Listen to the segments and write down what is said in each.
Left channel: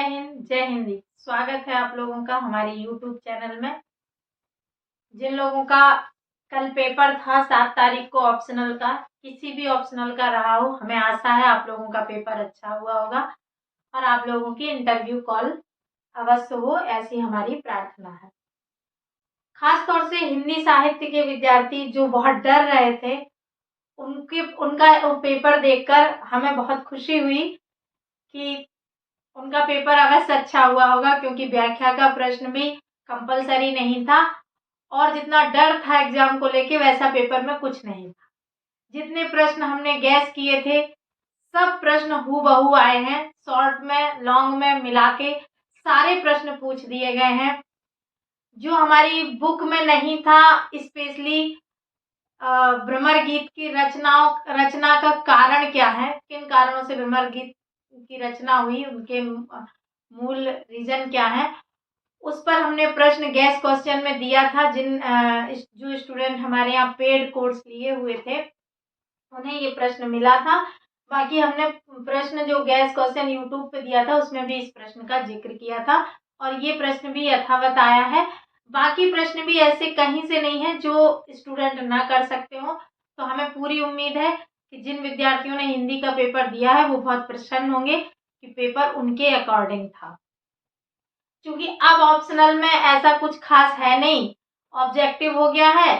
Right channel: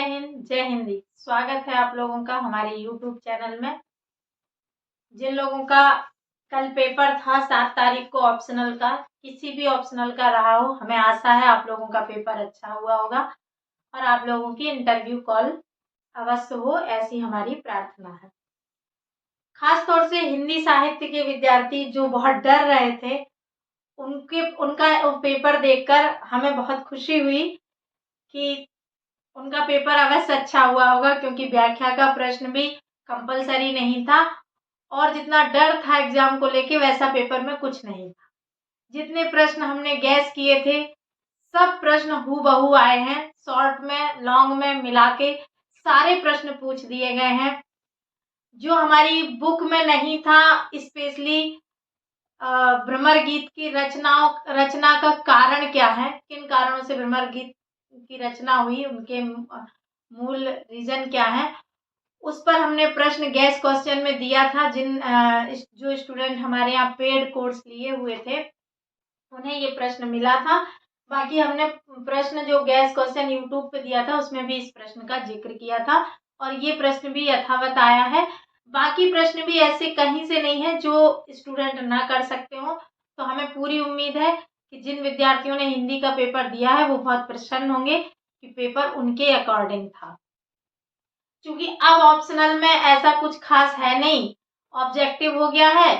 जय हिंद, जय हिंदी। स्वागत है आप लोगों का हमारे YouTube चैनल में। जिन लोगों का कल पेपर था 7 तारीख को ऑप्शनल का, किसी भी ऑप्शनल का रहा हो, हमें आशा है आप लोगों का पेपर अच्छा हुआ होगा और आप लोगों की इंटरव्यू कॉल अवश्य हो, ऐसी हमारी प्रार्थना है। खास तौर से हिंदी साहित्य के विद्यार्थी जो बहुत डर रहे थे, उनका पेपर देखकर हमें बहुत खुशी हुई कि उनका पेपर अवश्य अच्छा हुआ होगा, क्योंकि व्याख्या का प्रश्न भी कंपलसरी नहीं था और जितना डर था एग्जाम को लेके वैसा पेपर में कुछ नहीं था। जितने प्रश्न हमने गैस किए थे सब प्रश्न हूबहू आए हैं, शॉर्ट में लॉन्ग में मिला के सारे प्रश्न पूछ दिए गए हैं। जो हमारी बुक में नहीं था, स्पेशली भ्रमर गीत की रचना का कारण क्या है, किन कारणों से भ्रमर गीत की रचना हुई, उनके मूल रीजन क्या है, उस पर हमने प्रश्न गैस क्वेश्चन में दिया था। जो स्टूडेंट हमारे यहाँ पेड कोर्स लिए हुए थे उन्हें ये प्रश्न मिला था। बाकी हमने प्रश्न जो गैस क्वेश्चन यूट्यूब पे दिया था उसमें भी इस प्रश्न का जिक्र किया था और ये प्रश्न भी यथावत आया है। बाकी प्रश्न भी ऐसे कहीं से नहीं है जो स्टूडेंट ना कर सकते हो। तो हमें पूरी उम्मीद है कि जिन विद्यार्थियों ने हिंदी का पेपर दिया है वो बहुत प्रसन्न होंगे कि पेपर उनके अकॉर्डिंग था। क्योंकि अब ऑप्शनल में ऐसा कुछ खास है नहीं, ऑब्जेक्टिव हो गया है,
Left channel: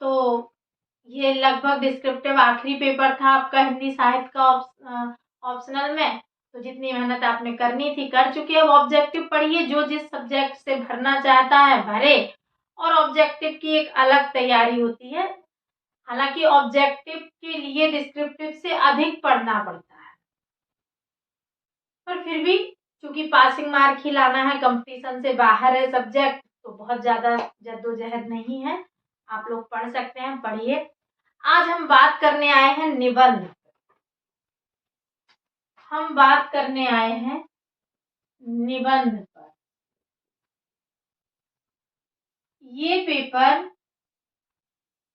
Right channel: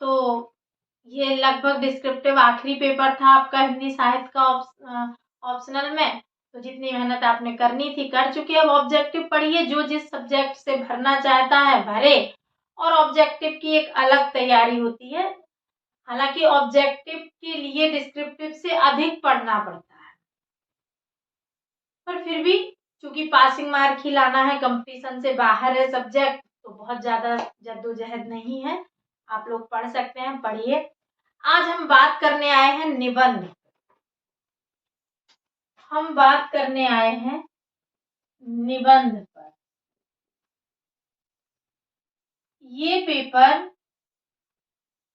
तो ये लगभग डिस्क्रिप्टिव आखिरी पेपर था आपका हिंदी साहित्य का ऑप्शनल में। तो जितनी मेहनत आपने करनी थी कर चुके। अब ऑब्जेक्टिव पढ़िए, जो जिस सब्जेक्ट से भरना चाहता है भरे, और ऑब्जेक्टिव की एक अलग तैयारी होती है। हालांकि ऑब्जेक्टिव के लिए डिस्क्रिप्टिव से अधिक पढ़ना पड़ता है, पर फिर भी क्योंकि पासिंग मार्क ही लाना है, कंपटीशन से बाहर है सब्जेक्ट, तो बहुत ज़्यादा जद्दोजहद नहीं है, आप लोग पढ़ सकते हैं, पढ़िए। आज हम बात करने आए हैं निबंध। हम बात करने आए हैं निबंध पर। ये पेपर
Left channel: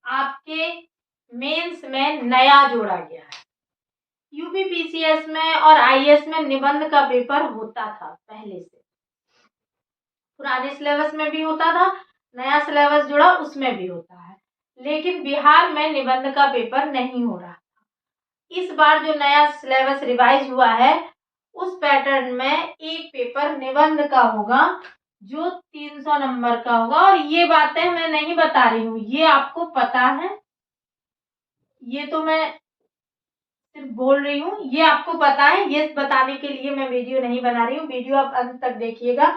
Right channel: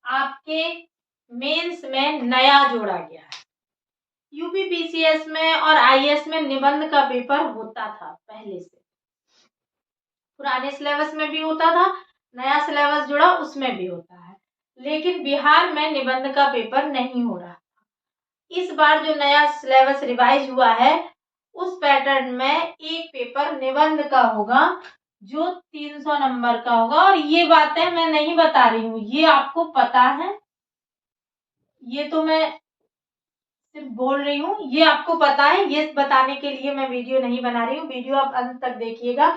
आपके मेंस में नया जोड़ा गया है। यूपीपीसीएस में और आईएएस में निबंध का पेपर होता था पहले से, पुराने सिलेबस में भी होता था, नया सिलेबस जुड़ा उसमें भी होता है, लेकिन बिहार में निबंध का पेपर नहीं हो रहा था। इस बार जो नया सिलेबस रिवाइज हुआ है उस पैटर्न में एक पेपर निबंध का होगा जो 300 नंबर का होगा। और ये बातें मैं नहीं बता रही हूँ, ये आपको पता है, ये तो मैं सिर्फ बोल रही हूँ, ये आपको पता है। ये बताने के लिए मैं वीडियो नहीं बना रही हूँ, वीडियो आप अंत तक देखिएगा।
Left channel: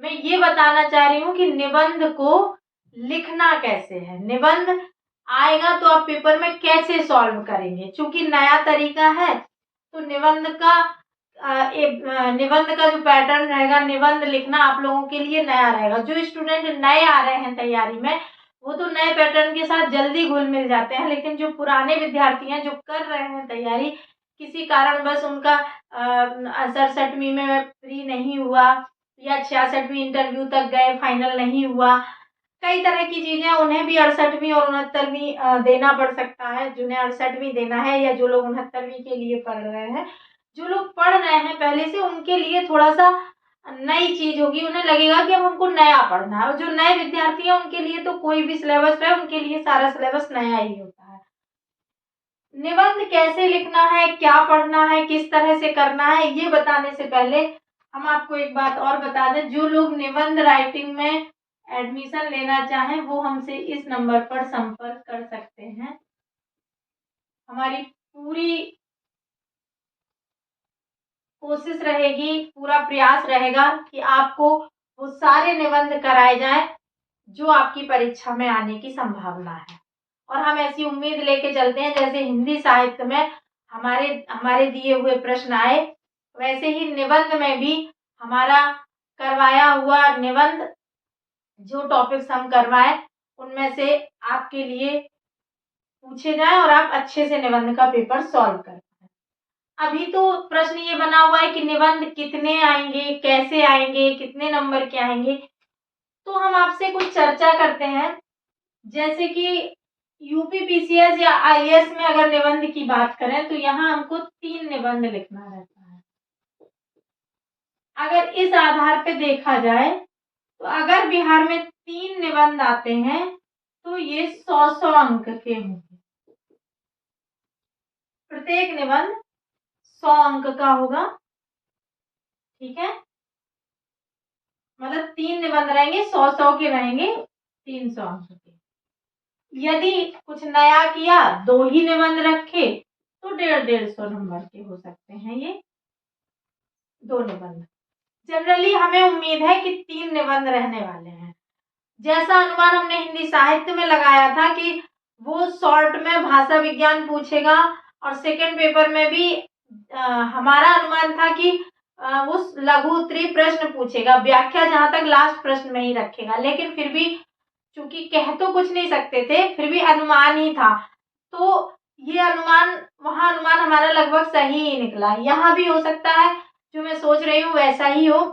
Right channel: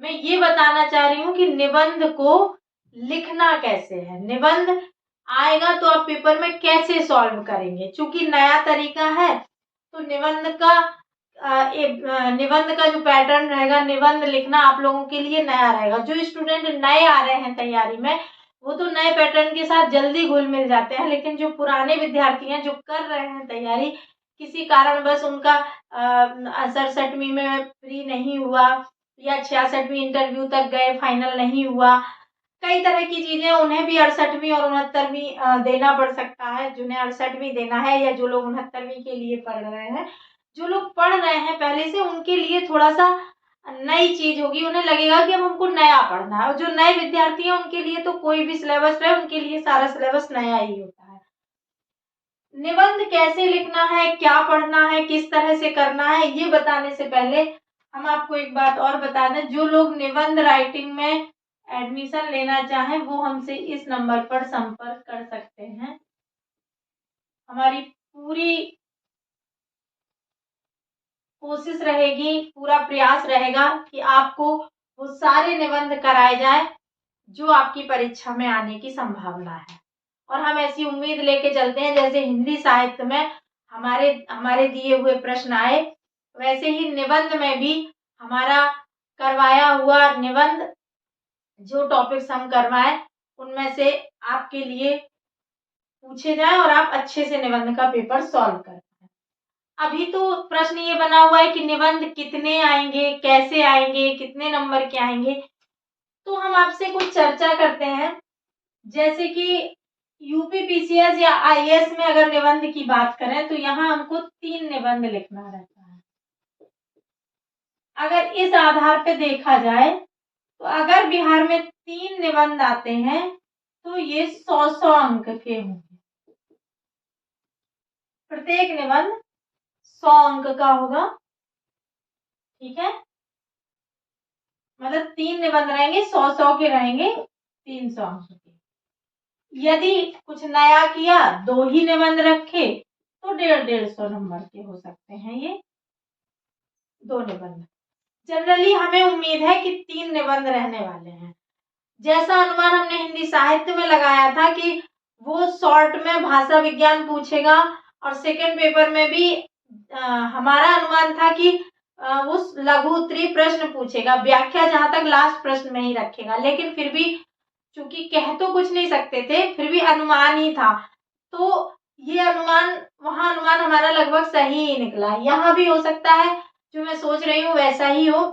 मैं ये बताना चाह रही हूँ कि निबंध को लिखना कैसे है, निबंध आएगा तो आप पेपर में कैसे सॉल्व करेंगे। चूंकि नया तरीका है तो निबंध का जो पैटर्न रहेगा, निबंध लिखना आप लोगों के लिए नया रहेगा। जो स्टूडेंट नए आ रहे हैं तैयारी में वो तो नए पैटर्न के साथ जल्दी घुल मिल जाते हैं, लेकिन जो पुराने विद्यार्थी हैं जो कर रहे हैं तैयारी, किसी कारणवश उनका 67वीं में फ्री नहीं हुआ या 66वीं इंटरव्यू तक गए, फाइनल नहीं हुआ, कई तरह की चीजें, उन्हें भी 68वीं और 69वीं देना पड़ सकता है। जिन्हें 68वीं देना है या जो लोग 69वीं के लिए पढ़ रहे हैं, जो लोग पढ़ रहे हैं पहले से, उनके लिए थोड़ा सा नई चीज होगी, उन्हें लगेगा कि अब हमको नया पढ़ना है। और जो नए विद्यार्थी हैं उनके लिए तो कोई भी सिलेबस है, उनके लिए सारा सिलेबस नया ही होता है। निबंध कैसे लिखना है, क्या पढ़ना है, किस तरह से करना है, ये बताने से पहले हम आपको एक बात और बता दें। जो लोग निबंध राइटिंग में एडमिशन लेना चाहें वो हमसे इस नंबर पर संपर्क कर सकते हैं। हमारी पूरी कोशिश रहेगी, पूरा प्रयास रहेगा कि आपको वो सारे निबंध कराए जाएं जो आपकी परीक्षा में आने की संभावना है। और हम ऐसी उम्मीद लेके चलते हैं जैसे हिंदी साहित्य में हमारे दिए हुए प्रश्न आए, वैसे ही निबंध में भी हमारा करवाया हुआ निबंध, जो टॉपिक्स हम करवाएं उनमें से आपके लिए पूछे जाए और आप अच्छे से निबंध का पेपर सॉल्व कर पाएं। अभी तो प्रश्न ये बना हुआ है कि निबंध कितने आएंगे, कैसे आएंगे, कितने नंबर के आएंगे। तो हम आपसे कुछ चर्चा करते हैं। जैसे कि यूपीपीसीएस या आईएएस में अगर निबंध की बात करें तो यहाँ हमको 3 निबंध लिखना रहता है। अगर इस आधार पे देखा जाए तो अगर बिहार में 3 निबंध आते हैं तो ये 100 अंक के होंगे। प्रत्येक निबंध 100 अंक का होगा। ठीक है, मतलब 3 निबंध रहेंगे, 100 के रहेंगे, 300 अंक के। यदि कुछ नया किया, 2 ही निबंध रखे तो 150 नंबर के हो सकते हैं ये 2 निबंध। जनरली हमें उम्मीद है कि 3 निबंध रहने वाले हैं। जैसा अनुमान हमने हिंदी साहित्य में लगाया था कि वो शॉर्ट में भाषा विज्ञान पूछेगा और सेकंड पेपर में भी हमारा अनुमान था कि वो लघु उत्तरीय प्रश्न पूछेगा, व्याख्या जहां तक लास्ट प्रश्न में ही रखेगा, लेकिन फिर भी चूंकि कह तो कुछ नहीं सकते थे, फिर भी अनुमान ही था, तो ये अनुमान हमारा लगभग सही ही निकला। यहाँ भी हो सकता है जो मैं सोच रही हूँ वैसा ही हो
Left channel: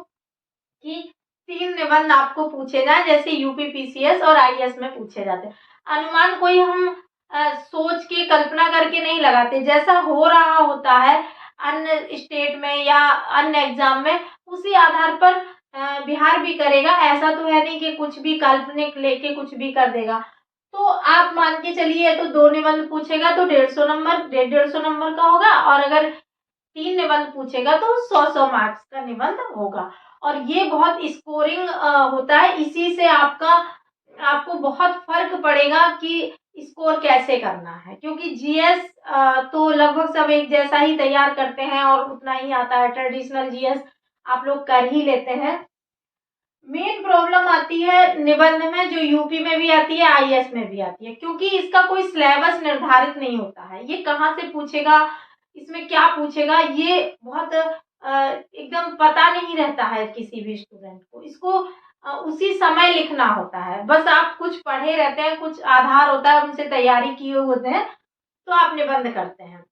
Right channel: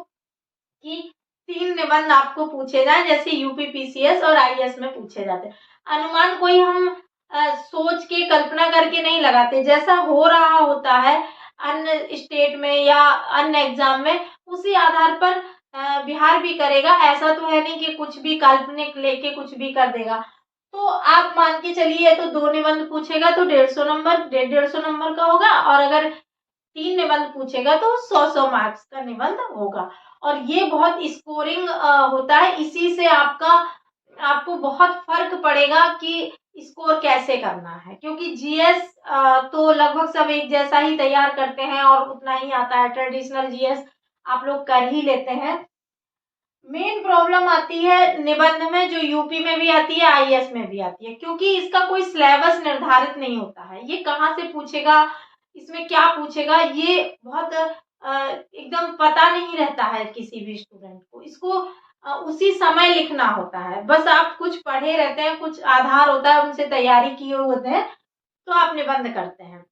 कि 3 निबंध आपको पूछे जाए, जैसे यूपी पीसीएस और आईएएस में पूछे जाते हैं। अनुमान कोई हम सोच के कल्पना करके नहीं लगाते, जैसा हो रहा होता है अन्य स्टेट में या अन्य एग्जाम में, उसी आधार पर बिहार भी करेगा। ऐसा तो है नहीं कि कुछ भी काल्पनिक लेके कुछ भी कर देगा। तो आप मान के चलिए, तो 2 निबंध पूछेगा तो 150 नंबर का होगा, और अगर 3 निबंध पूछेगा तो 100 मार्क्स का निबंध होगा। और ये बहुत स्कोरिंग होता है, इसी से आपको बहुत फर्क पड़ेगा कि स्कोर कैसे करना है, क्योंकि जीएस तो लगभग सब एक जैसा ही तैयार करते हैं और उतना ही आता है, ट्रेडिशनल जीएस आप लोग कर ही लेते हैं। मेन प्रॉब्लम आती है निबंध में, जो यूपी में भी आती है, आईएएस में भी आती है, क्योंकि इसका कोई सिलेबस निर्धारित नहीं होता है। ये कहाँ से पूछेगा, इसमें क्या पूछेगा, ये बहुत एकदम पता नहीं रहता है किसी भी स्टूडेंट को। इसको उसी समय लिखना होता है। बस आप कुछ पढ़े रहते हैं, कुछ आधार होता है, उनसे तैयारी किए होते हैं, तो आप निबंध करते हैं।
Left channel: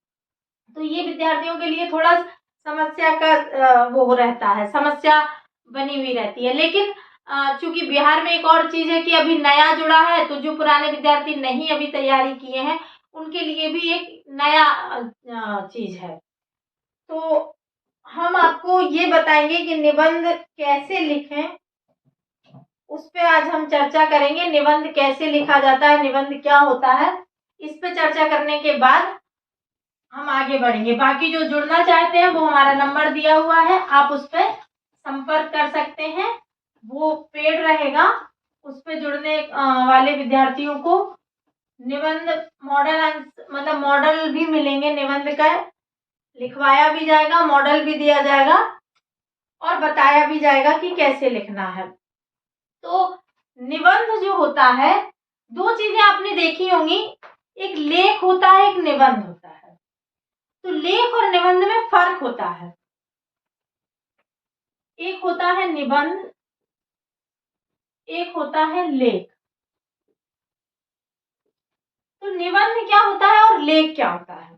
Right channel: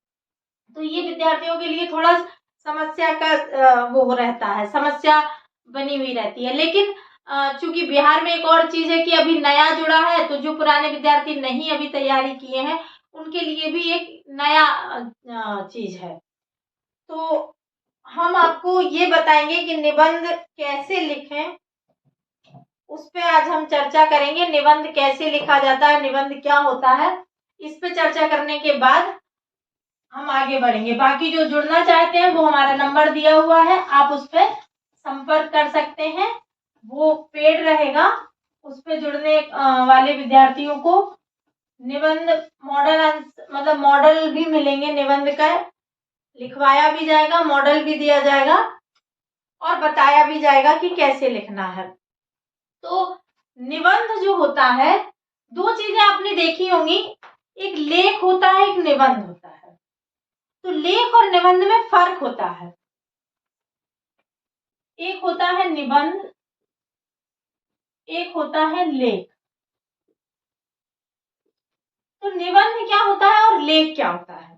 तो ये विद्यार्थियों के लिए थोड़ा समस्या का वो रहता है, समस्या बनी हुई रहती है। लेकिन चूंकि बिहार में एक और चीज है कि अभी नया जुड़ा है, तो जो पुराने विद्यार्थी नहीं अभी तैयारी किए हैं, उनके लिए भी एक नया चीज है। तो हम आपको ये बताएंगे कि निबंध कैसे लिखें, उस पे आज हम चर्चा करेंगे। निबंध कैसे लिखा जाता है, निबंध क्या होता है, इस पे चर्चा करने के बाद हम आगे बढ़ेंगे। बाकी जो जुड़ना चाहते हैं वो हमारा नंबर दिया हुआ है, आप उस पर संपर्क कर सकते हैं, वो पेड रहेगा। उस पर जुड़ने वाले विद्यार्थियों को निबंध मतलब मॉडल भी मिलेंगे, निबंध का लिखवाया भी जाएगा, मॉडल भी दिया जाएगा और बताया भी जाएगा कि कैसे लिखना है। तो निबंध जो होता है, 2 चीजें आपने देखी होंगी, एक लेख होता है, एक निबंध होता है। तो लेख और निबंध में फर्क होता है। एक होता है निबंध, एक होता है लेख। तो निबंध क्या होता है और लेख क्या होता है,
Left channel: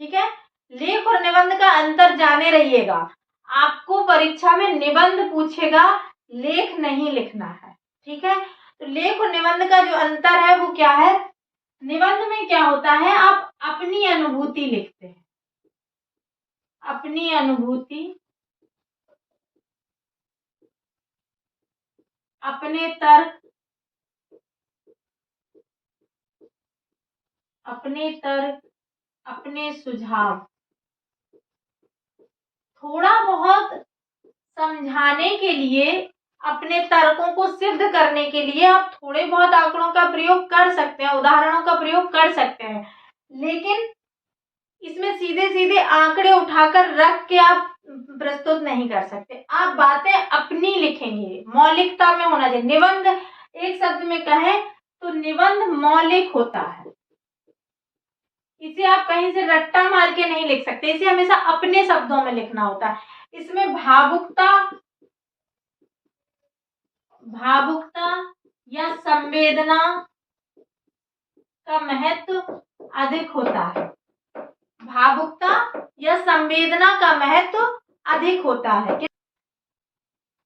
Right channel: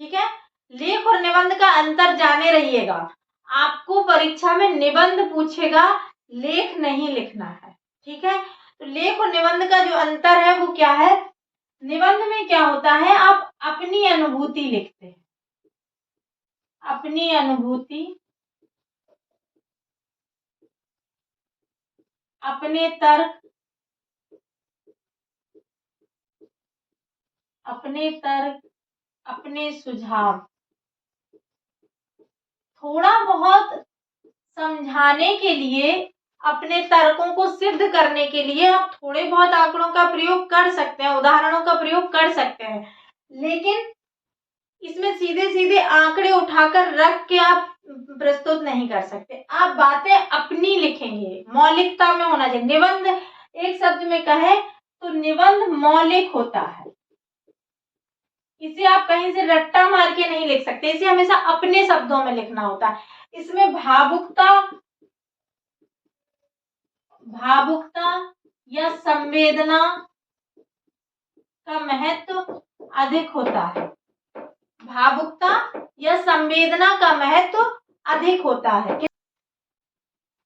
ठीक है। लेख और निबंध का अंतर जाने रहिएगा। आपको परीक्षा में निबंध पूछेगा, लेख नहीं लिखना है, ठीक है। तो लेख और निबंध का जो अंतर है वो क्या है, निबंध में क्या होता है, आप अपनी अनुभूति लिखते हैं, अपनी अनुभूति, अपने तर्क, अपने सुझाव, थोड़ा बहुत समझाने के लिए, अपने तर्कों को सिद्ध करने के लिए आप थोड़े बहुत आंकड़ों का प्रयोग कर सकते हैं, उदाहरणों का प्रयोग कर सकते हैं, लेकिन इसमें सीधे सीधे आंकड़े उठाकर रख के आप प्रस्तुत नहीं कर सकते। आप बातें अपनी लिखेंगे, मौलिकता में होना चाहिए। निबंध एक शब्द में कहें तो निबंध मौलिक होता है, इसे आप कहीं से रट्टा मार के नहीं लिख सकते, इसे हमेशा अपने शब्दों में लिखना होता है। इसमें भावुकता या संवेदना का महत्व अधिक होता है, भावुकता या संवेदना का महत्व अधिक होता है।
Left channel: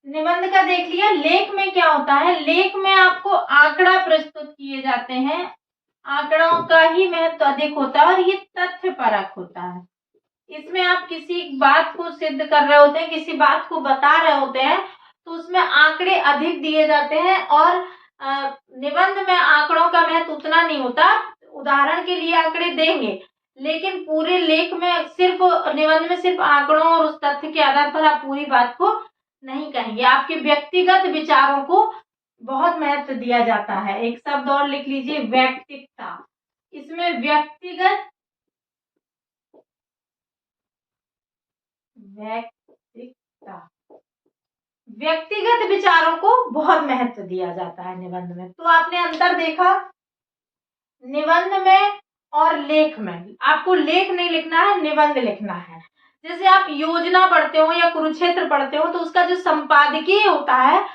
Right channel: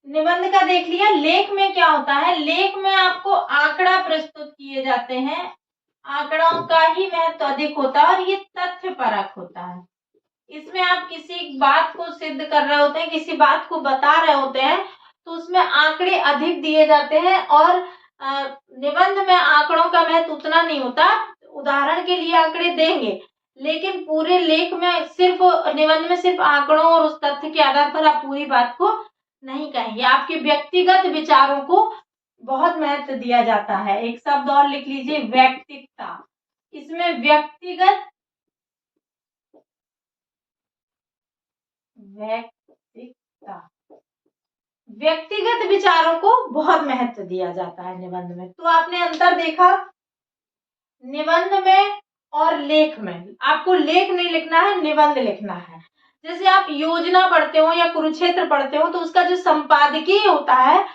निबंध का देख लिया। लेख में क्या होता है, लेख में आपको आंकड़ा प्रस्तुत किए जाते हैं, आंकड़ों का ही महत्व अधिक होता है और ये तथ्य परक होता है, इसमें आप किसी बात को सिद्ध कर रहे होते हैं, किसी बात को बता रहे होते हैं, तो उसमें आंकड़े अधिक दिए जाते हैं और निबंध में आंकड़ों का महत्व उतना नहीं होता। उदाहरण के लिए आंकड़े देंगे, लेकिन पूरे लेख में सिर्फ निबंध में सिर्फ आंकड़ों और उस तथ्य के आधार पर आप पूरी बात को नहीं कहेंगे। आपके व्यक्तिगत विचारों को बहुत महत्व दिया जाता है। एक शब्द और लिख लीजिए, व्यक्तिकता। इसमें व्यक्तिगत व्यक्तिगत विचारों को बहुत महत्व दिया जाता है निबंध में। तो आपने अंतर देखा निबंध में और लेख में। आपको लेख नहीं लिखना है, निबंध लिखना है। जैसे आप योजना पढ़ते हो या कुरुक्षेत्र पढ़ते हो, तो उसका जो संपादकीय होता है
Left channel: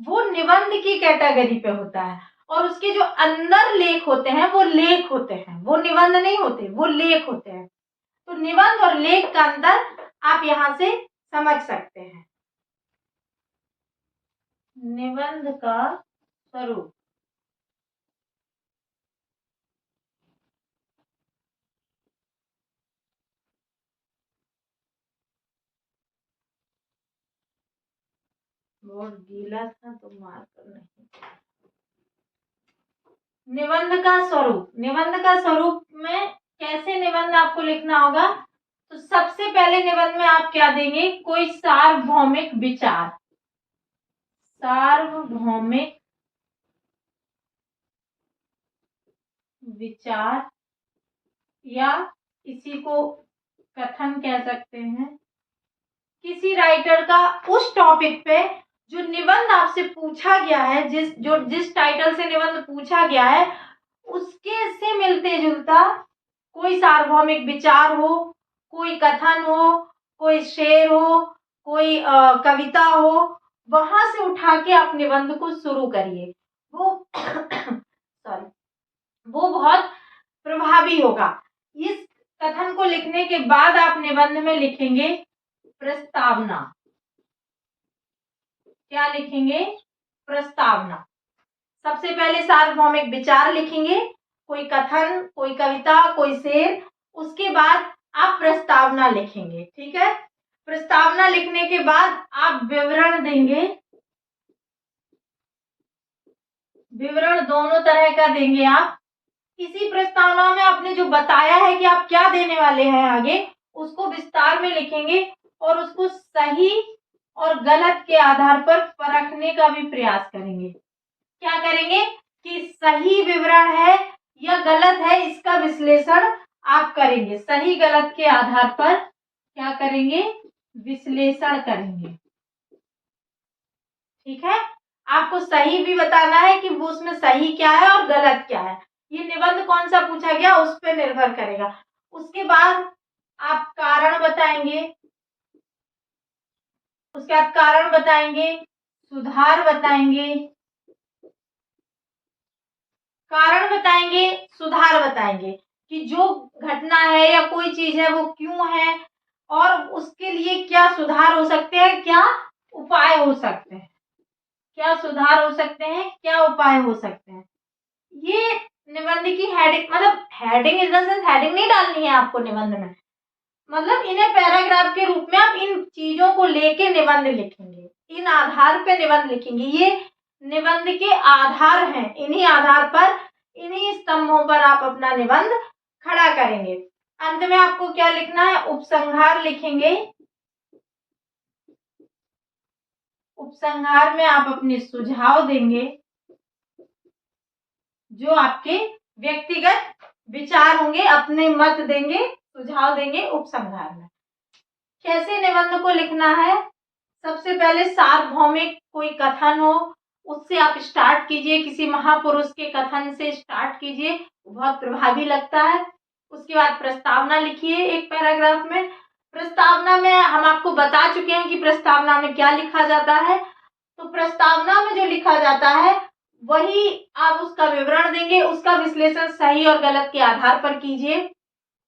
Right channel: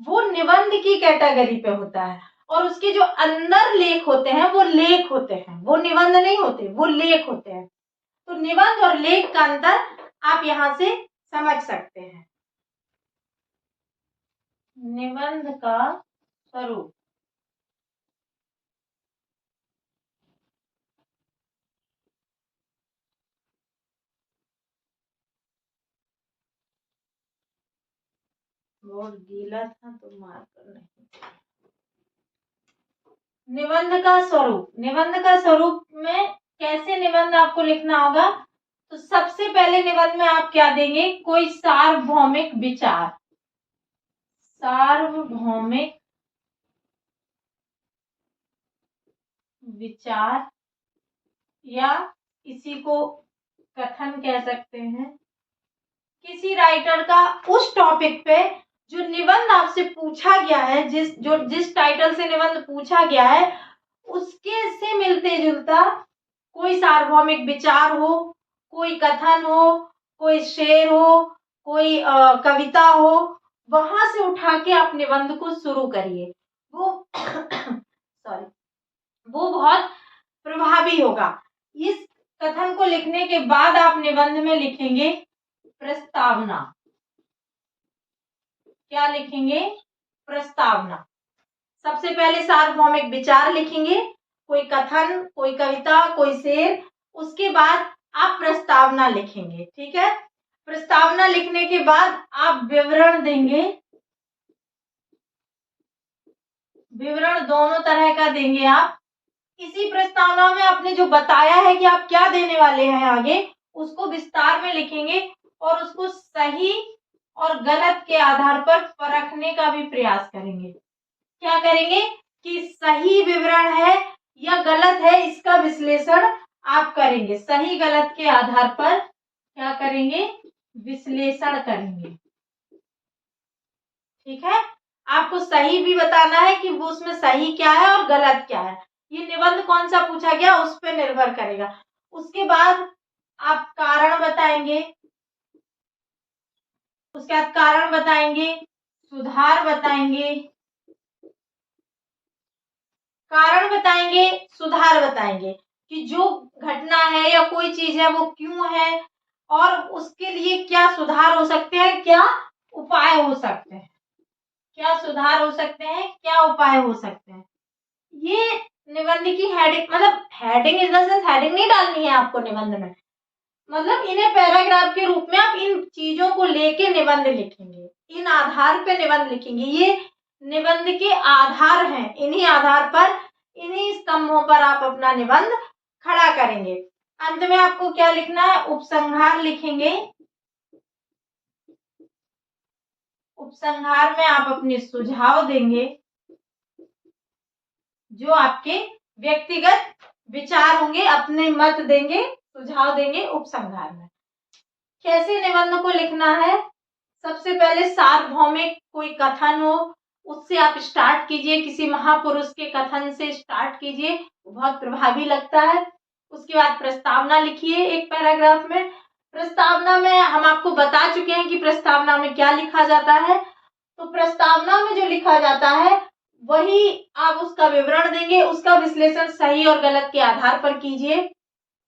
वो निबंध की कैटेगरी पे होता है, और उसके जो अंदर लेख होते हैं वो लेख होते हैं, वो निबंध नहीं होते, वो लेख होते हैं। तो निबंध और लेख का अंतर आप यहां से समझ सकते हैं। निबंध का स्वरूप, बोर्ड गीला था तो मार्कर नहीं। निबंध का स्वरूप, निबंध का स्वरूप में कैसे निबंध आपको लिखना होगा, तो सबसे पहले निबंध में आप क्या देंगे, कोई सार्वभौमिक विचार, सार्वभौमिक विचार, या इसी को कथन कह सकते हैं, किसी राइटर का उस टॉपिक पे जो निबंध आपसे पूछा गया है, जिस टाइटल से निबंध पूछा गया है, उसके से मिलते जुलता कोई सार्वभौमिक विचार हो, कोई कथन हो, कोई शेर हो, कोई कविता हो, वहां से उठा के आप निबंध को शुरू करिए। वो सॉरी वो बहुत प्रभावी होगा। इस कथन को लिखने के बाद आप निबंध में लिखेंगे प्रस्तावना। क्या लिखेंगे, प्रस्तावना। सबसे पहले सार्वभौमिक विचार लिखेंगे, कोई कथन, कोई कविता, कोई शेर, उसके बाद आप प्रस्तावना लिखेंगे। ठीक है, प्रस्तावना लिखने के बाद आप विवरण देंगे, विवरण दोनों तरह का देंगे आप। इसी प्रस्तावना में आपने जो बताया है कि आप क्या देने वाले हैं आगे, उसको विस्तार में लिखेंगे और उसको सही और गलत के आधार पर परखने का भी प्रयास करेंगे। क्या करेंगे कि सही विवरण है या गलत है, इसका विश्लेषण आप करेंगे। सही गलत के आधार पर क्या करेंगे, विश्लेषण करेंगे। ठीक है, आपको सही भी बताना है कि वो उसमें सही क्या है और गलत क्या है। ये निबंध कौन सा पूछा गया उस पर निर्भर करेगा। उसके बाद आप कारण बताएंगे, उसके बाद कारण बताएंगे, सुधार बताएंगे, कारण बताएंगे, सुधार बताएंगे कि जो घटना है या कोई चीज है वो क्यों है और उसके लिए क्या सुधार हो सकते हैं, क्या उपाय हो सकते हैं, क्या सुधार हो सकते हैं, क्या उपाय हो सकते हैं। ये निबंध की हेडिंग, मतलब heading in the sense heading नहीं डालनी है आपको निबंध में, मतलब इन्हें पैराग्राफ के रूप में आप इन चीजों को लेके निबंध लिखेंगे, इन आधार पे निबंध लिखेंगे। ये निबंध के आधार हैं, इन्हीं आधार पर, इन्हीं स्तंभों पर आप अपना निबंध खड़ा करेंगे। अंत में आपको क्या लिखना है, उपसंहार लिखेंगे। उपसंहार में आप अपने सुझाव देंगे, जो आपके व्यक्तिगत विचार होंगे, अपने मत देंगे, सुझाव देंगे उपसंहार में। कैसे निबंध को लिखना है, सबसे पहले सार्वभौमिक कोई कथन हो उससे आप स्टार्ट कीजिए, किसी महापुरुष के कथन से स्टार्ट कीजिए, बहुत प्रभावी लगता है। उसके बाद प्रस्तावना लिखिए एक पैराग्राफ में। प्रस्तावना में हम आपको बता चुके हैं कि प्रस्तावना में क्या लिखा जाता है, तो प्रस्तावना में जो लिखा जाता है वही आप उसका विवरण देंगे, उसका विश्लेषण सही और गलत के आधार पर कीजिए।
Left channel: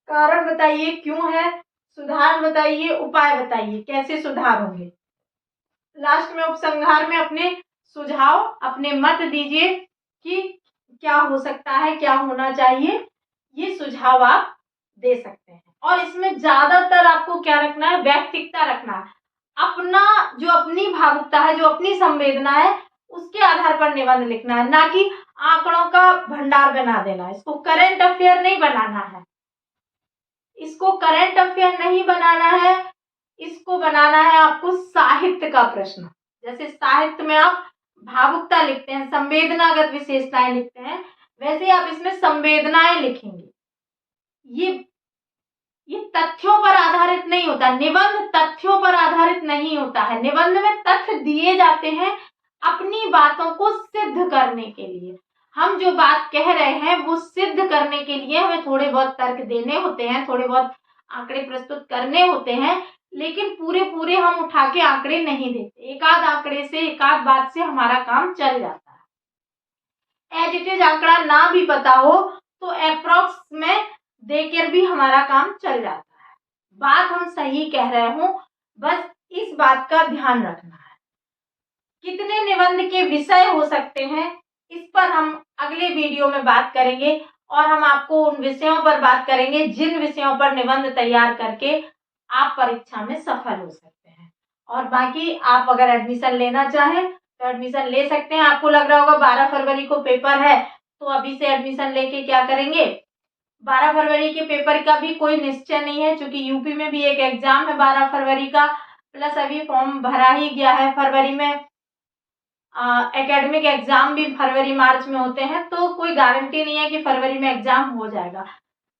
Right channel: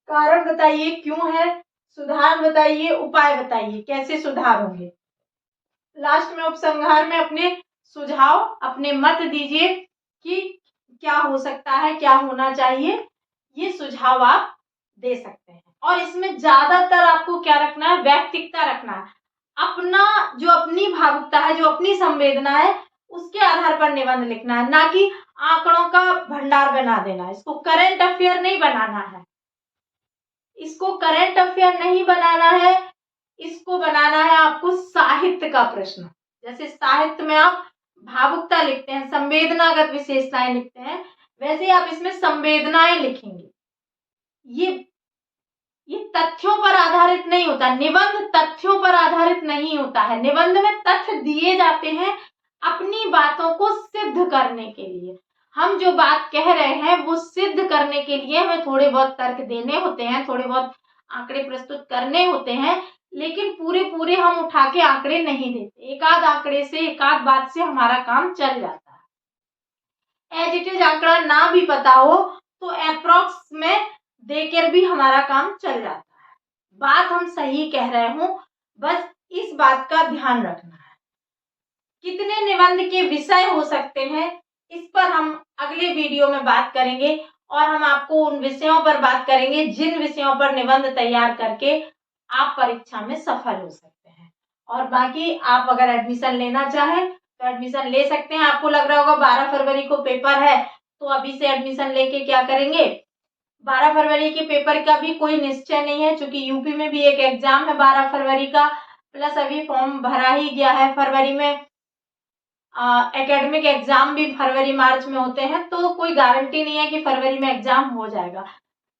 कारण बताइए क्यों है, सुधार बताइए, उपाय बताइए कैसे सुधार होंगे। लास्ट में उपसंहार में अपने सुझाव, अपने मत दीजिए कि क्या हो सकता है, क्या होना चाहिए, ये सुझाव आप दे सकते हैं। और इसमें ज्यादातर आपको क्या रखना है, व्यक्तिकता रखना है। अपना जो अपनी भावुकता है, जो अपनी संवेदना है, उसके आधार पर निबंध लिखना है, ना कि आंकड़ों का भंडार बना देना है। इसको करंट अफेयर नहीं बनाना है, इसको करंट अफेयर नहीं बनाना है, इसको बनाना है आपको साहित्य का प्रश्न। जैसे साहित्य में आप भावुकता लिखते हैं, संवेदनागत विशेषताएं लिखते हैं, वैसे आप इसमें संवेदनाएं लिखेंगे। ये तथ्यों पर आधारित नहीं होता, निबंध तथ्यों पर आधारित नहीं होता है। निबंध में तथ्य दिए जाते हैं अपनी बातों को सिद्ध करने के लिए। हम जो बात कह रहे हैं वो सिद्ध करने के लिए हमें थोड़े बहुत तर्क देने होते हैं, थोड़े बहुत आंकड़े प्रस्तुत करने होते हैं, लेकिन पूरे पूरे हम उठा के आंकड़े नहीं देते। एक आध आंकड़े से, एक आध बात से हमारा काम चल जाता है। एज इट इज आंकड़ा ना भी पता हो तो अप्रोक्स में देकर भी हमारा काम चल जाता है। बात हम सही कह रहे हो, बस इस बात का ध्यान रखना है। कितने निबंध के विषय हो सकते हैं, इस पर हम अगले वीडियो में बात करेंगे, और हम आपको उन विषयों पर बात करेंगे जिन विषयों पर निबंध तैयार करके आप परीक्षा में सफल हो सकते हैं। और बाकी आप अगर एडमिशन लेना चाहें तो एडमिशन ले सकते हैं। आपको लग रहा होगा 12 फरवरी को पेपर है, तो अभी से एडमिशन लेके क्या करेंगे। 12 फरवरी के पेपर का भी कोई निश्चय नहीं है, क्योंकि यूपी में भी एक एग्जाम है 12 फरवरी का, प्लस अभी फॉर्म भरा ही गया है फरवरी में। एकेडमिक एग्जाम भी फरवरी मार्च में होते हैं, तो कोई गारंटी नहीं है कि फरवरी में एग्जाम हो जाएगा।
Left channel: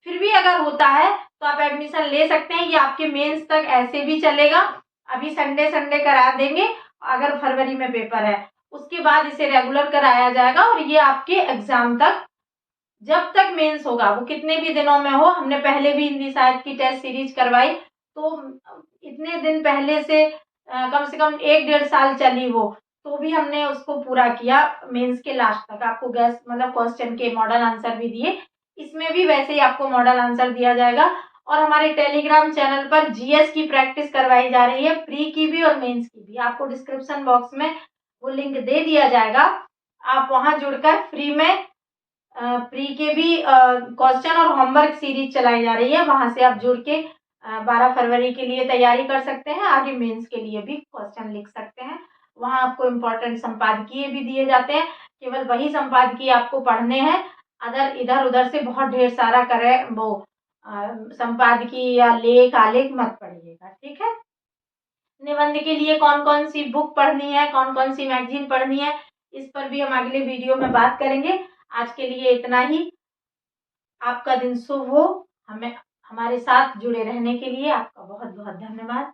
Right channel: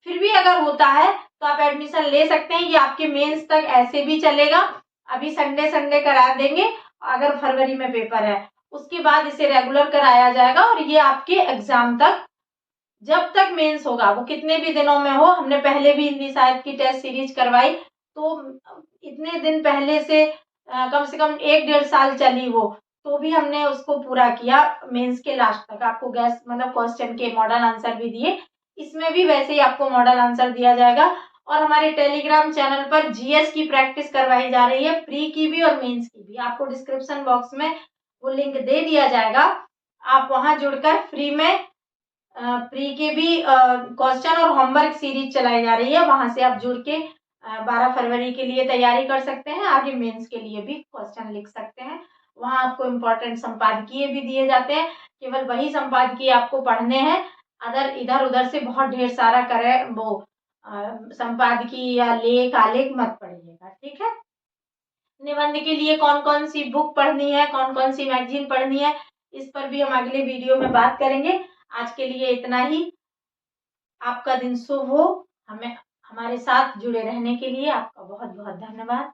फिर भी अगर होता है तो आप एडमिशन ले सकते हैं। ये आपके मेंस तक ऐसे भी चलेगा, अभी संडे संडे करा देंगे, अगर फरवरी में पेपर है उसके बाद इसे रेगुलर कराया जाएगा, और ये आपके एग्जाम तक, जब तक मेंस होगा वो कितने भी दिनों में हो। हमने पहले भी हिंदी साहित्य की टेस्ट सीरीज करवाई, तो इतने दिन पहले से कम 1-1.5 साल चली वो, तो भी हमने उसको पूरा किया मेंस के लास्ट तक। आपको गैस मतलब क्वेश्चन के मॉडल आंसर भी दिए, इसमें भी वैसे ही आपको मॉडल आंसर दिया जाएगा। और हमारे टेलीग्राम चैनल पर जीएस की प्रैक्टिस करवाई जा रही है, प्री की भी और मेंस की भी। आपको डिस्क्रिप्शन बॉक्स में वो लिंक दे दिया जाएगा, आप वहां जुड़कर फ्री में प्री के भी क्वेश्चन और होमवर्क सीरीज चलाई जा रही है, वहां से आप जुड़ के 12 फरवरी के लिए तैयारी कर सकते हैं। आगे मेंस के लिए भी क्वेश्चन लिख सकते हैं। वहां आपको इम्पोर्टेंट संपादकीय भी दिए जाते हैं, केवल वही संपादकीय आपको पढ़ने हैं। अदर इधर उधर से बहुत ढेर सारा करे वो संपादकीय या लेख आलेख मत पढ़िएगा, ठीक है। निबंध के लिए कौन कौन सी बुक पढ़नी है, कौन कौन सी मैगजीन पढ़नी है, इस पर भी हम अगले वीडियो में बात करेंगे। आज के लिए इतना ही। आपका दिन शुभ हो। हमें हमारे साथ जुड़े रहने के लिए आपका बहुत बहुत धन्यवाद।